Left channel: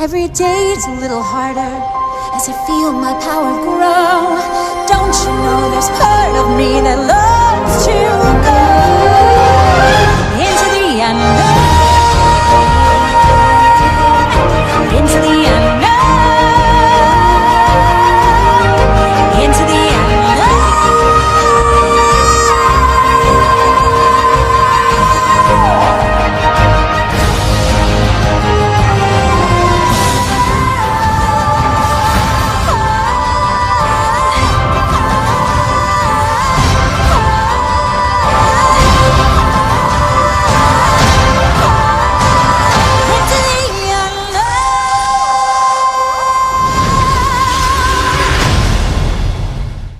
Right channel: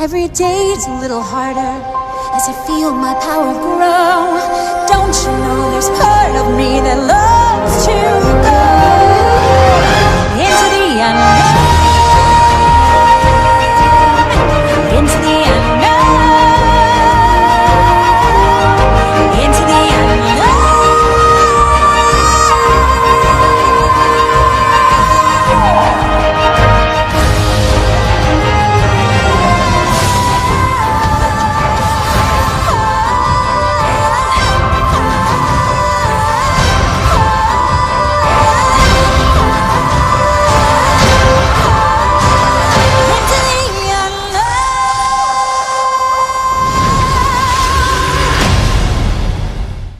Every day's a little harder as I feel my power grow. Don't you know there's part of me that loves to go?